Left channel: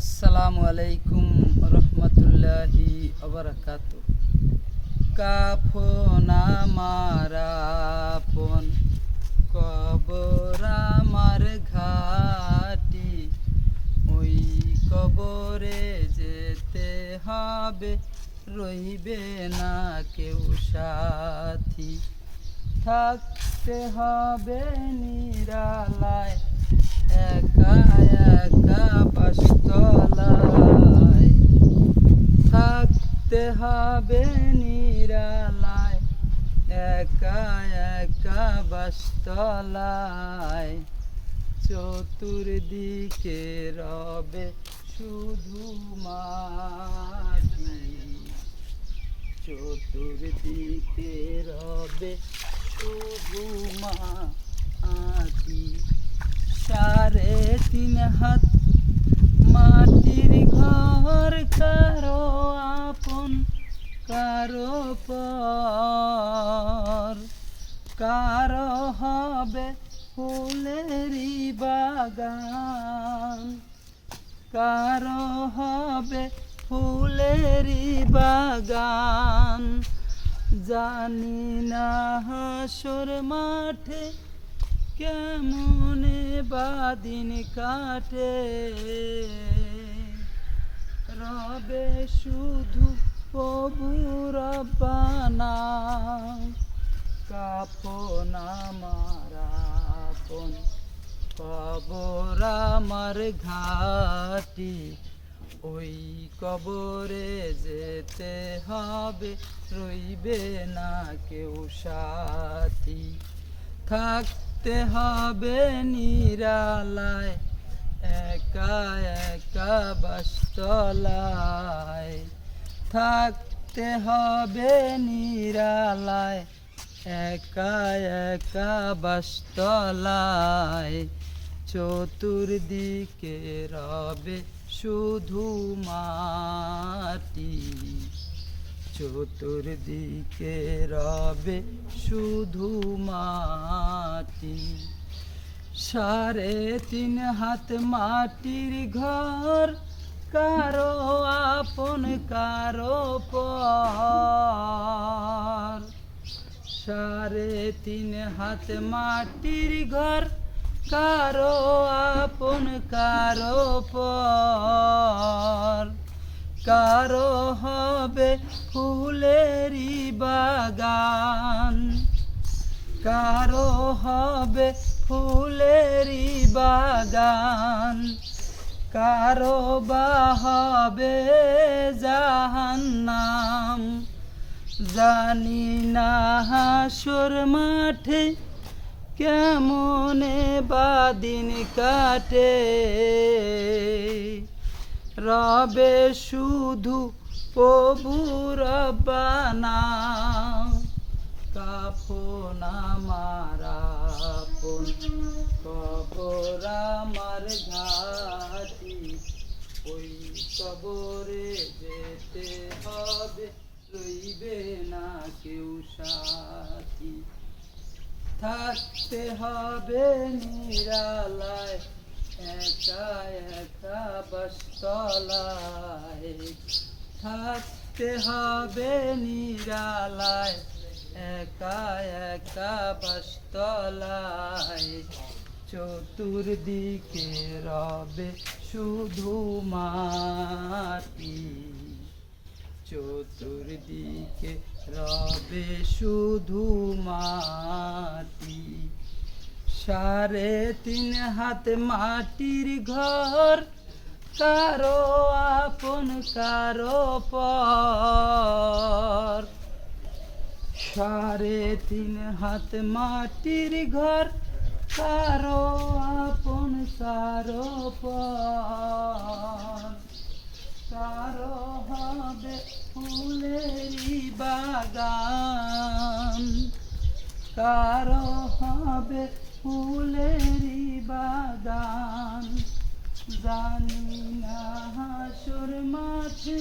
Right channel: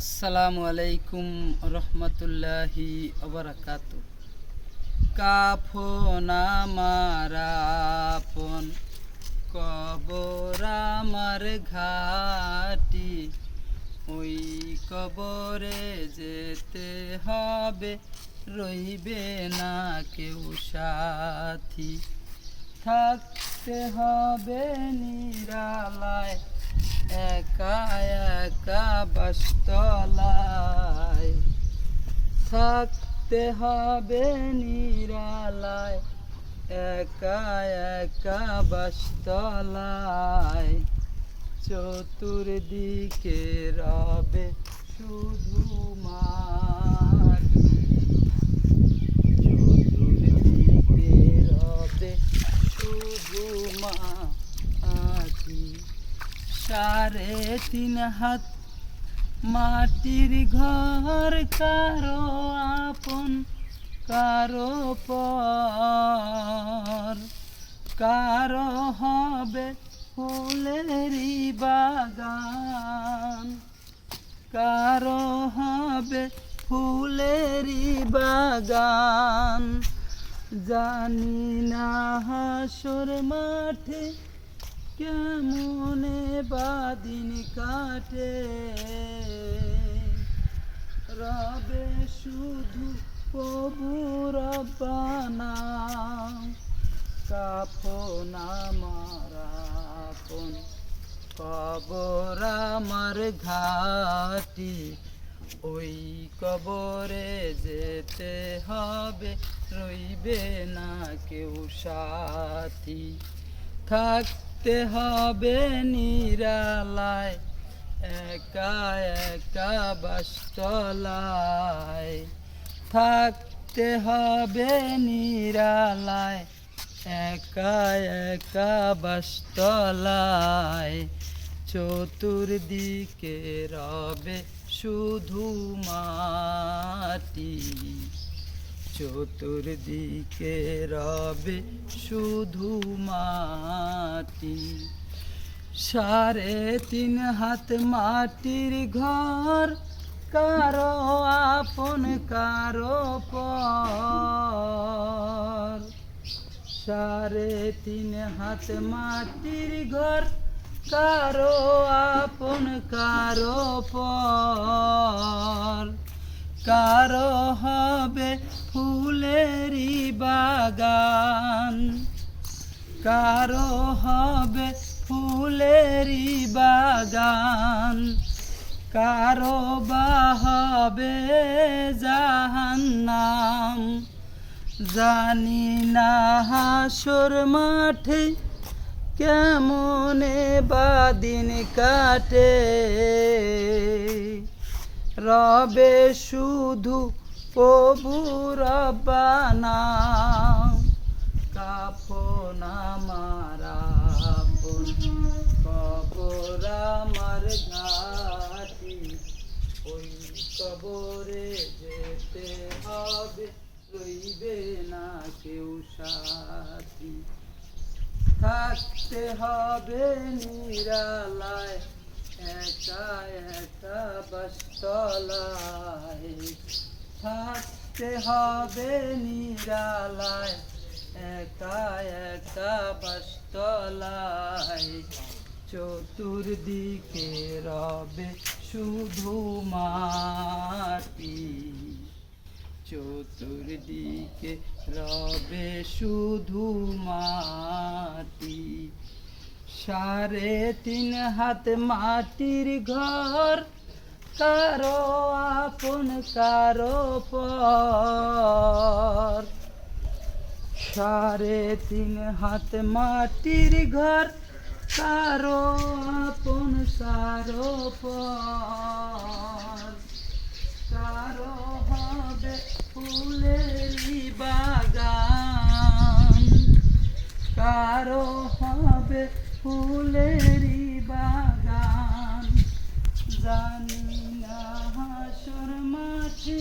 আসসালামু আলাইকুম রহমতুল্লাহি ওবারাকাতু। কাফন আমার আপন, কবর আমার ঘাটি, ওই কবরে যেতে হবে, রইবে না কেউ সাথী। থাকতে হবে নিরালায়, একা একা বাসতলায়। থাকতে হবে নিরালায়, একা একা বাসতলায়। চতুর্দিকে রবে শুধু মাটি, চতুর্দিকে রবে শুধু মাটি। 3.5 হাত মাটির ঘর, কারো আপন কারো পর। কারো হবে ফুলেরই বাগান, কারো হবে ফুলেরই বাগান। জানি না হাসর মাঠে কেমনে বাদিন কাটে, রবে শুধু প্রভু রব্বানা। কাফন আমার আপন, কবর আমার ঘাটি, ওই কবরে যেতে হবে, রইবে না কেউ সাথী। থাকতে হবে নিরালায়, একা একা বাসতলায়। থাকতে হবে নিরালায়, একা একা বাসতলায়। চতুর্দিকে রবে শুধু মাটি, চতুর্দিকে রবে শুধু মাটি। 3.5 হাত মাটির ঘর, কারো আপন কারো পর। 3.5 হাত মাটির ঘর, কারো আপন কারো পর। কারো হবে ফুলেরই বাগান, কারো হবে ফুলেরই বাগান। কারো বা হবে জাহান্নাম। জানি না হাসর মাঠে কেমনে বাদিন কাটে, রবে শুধু প্রভু রব্বানা। কাফন আমার আপন, কবর আমার ঘাটি, ওই কবরে যেতে হবে, রইবে না কেউ সাথী। থাকতে হবে নিরালায়, একা একা বাসতলায়। থাকতে হবে নিরালায়, একা একা বাসতলায়। চতুর্দিকে রবে শুধু মাটি, চতুর্দিকে রবে শুধু মাটি। 3.5 হাত মাটির ঘর, কারো আপন কারো পর। 3.5 হাত মাটির ঘর, কারো আপন কারো পর। কারো হবে ফুলেরই বাগান, কারো হবে ফুলেরই বাগান। জানি না হাসর মাঠে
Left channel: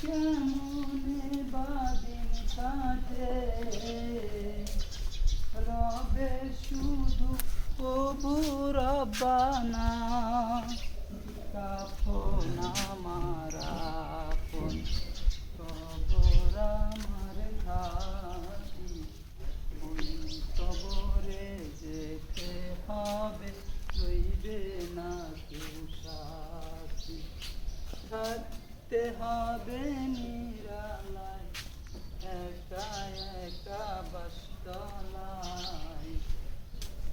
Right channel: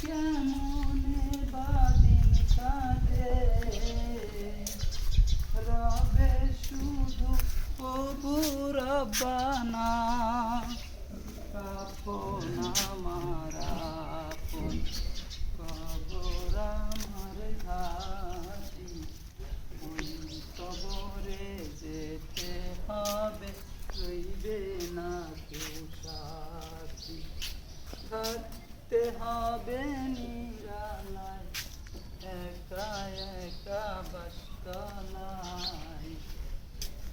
কেমনে বাদিন কাটে, রবে শুধু প্রভু রব্বানা। না কেউ সাথী। থাকতে হবে নিরালায় একা একা বাসতলায়।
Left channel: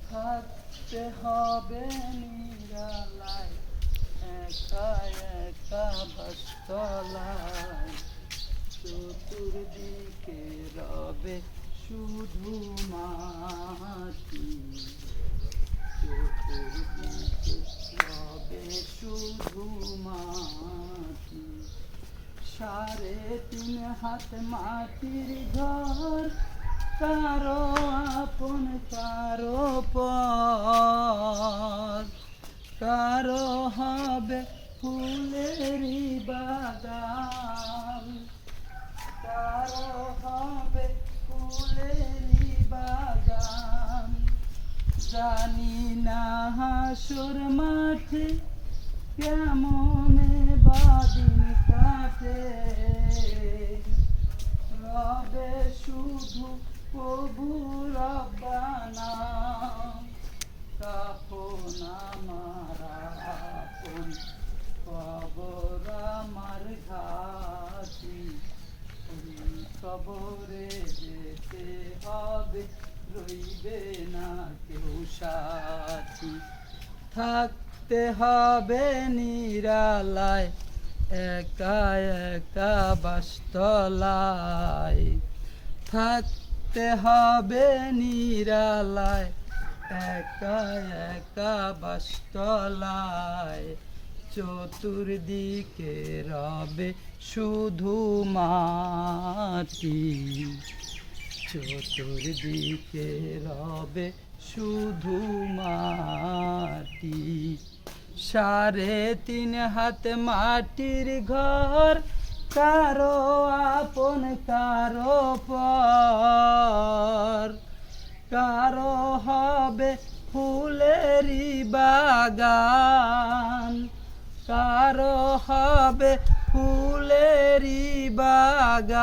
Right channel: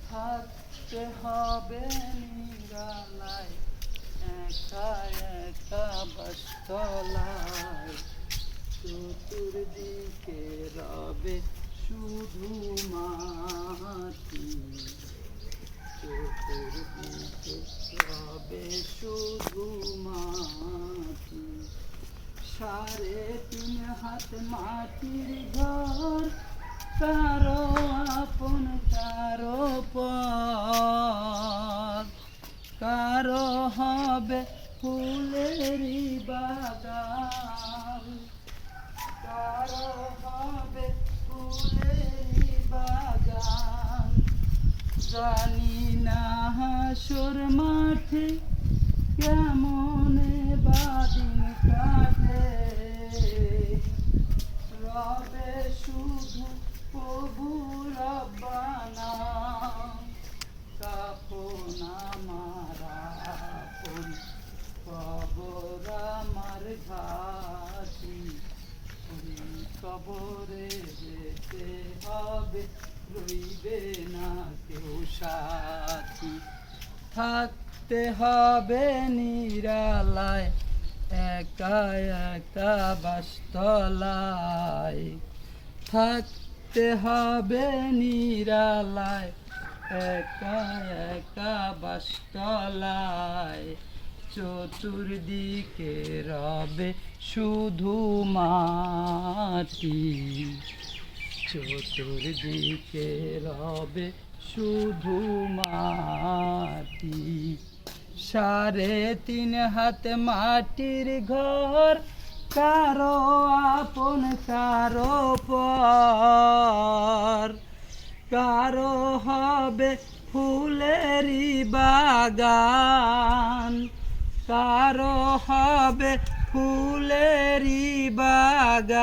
থাকতে হবে নিরালায় একা একা বাসতলায়। চতুর্দিকে রবে শুধু মাটি, চতুর্দিকে রবে শুধু মাটি। 3.5 হাত মাটির ঘর, কারো আপন কারো পর। কারো হবে ফুলেরই বাগান, কারো হবে ফুলেরই বাগান। জানি না হাসর মাঠে কেমনে বাদিন কাটে, রবে শুধু প্রভু রব্বানা। কাফন আমার আপন, কবর আমার ঘাটি। কবরে যেতে হবে, রইবে না কেউ সাথী। থাকতে হবে নিরালায় একা একা বাসতলায়। থাকতে হবে নিরালায় একা একা বাসতলায়। চতুর্দিকে রবে শুধু মাটি, চতুর্দিকে রবে শুধু মাটি। 3.5 হাত মাটির ঘর, কারো আপন কারো পর। কারো হবে ফুলেরই বাগান, কারো হবে ফুলেরই বাগান।